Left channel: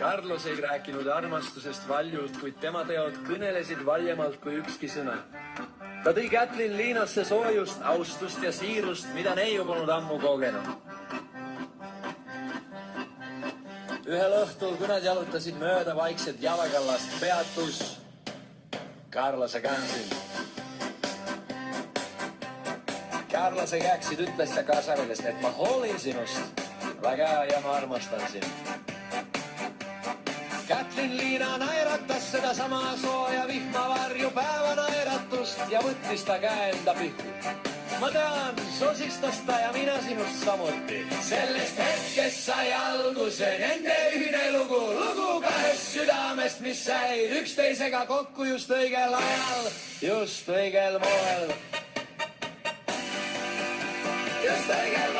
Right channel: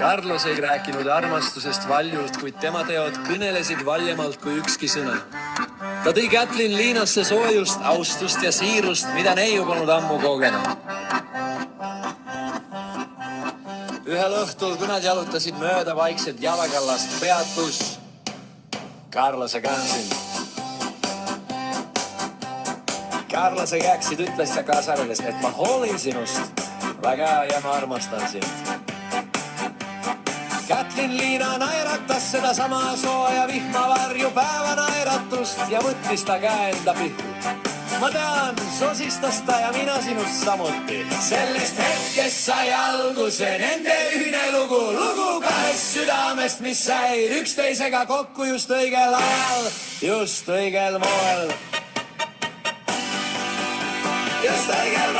Carlos ei rääkinud armastusest valjult, kuid tema teod kõnelesid valjemalt kui ükski sõna. Ta tõi Kätlin Liinasse soojust, austust ja siirust, mida neiu polnud ammu kogenud. Ühel õhtul, kui nad jalutasid mööda vaikselt jalakallast, peatus Carlose käksid. Carlose käksid ütles ja kaasarves, et ma hoolin sinust väga ja ma armastan sind. Kätlin Liina naeratas seda sama sooja vihmavarju päeva naeratust ja võttis ta käe enda pihku. Ma tean, sosistas ta ja mina sinust samuti. Sellest hetkest sai alguse nende ühine lugu. Lugu kahest südamest, mis said üksteisega kokku just õigel ajal, just õigel moel. Just õigel moel.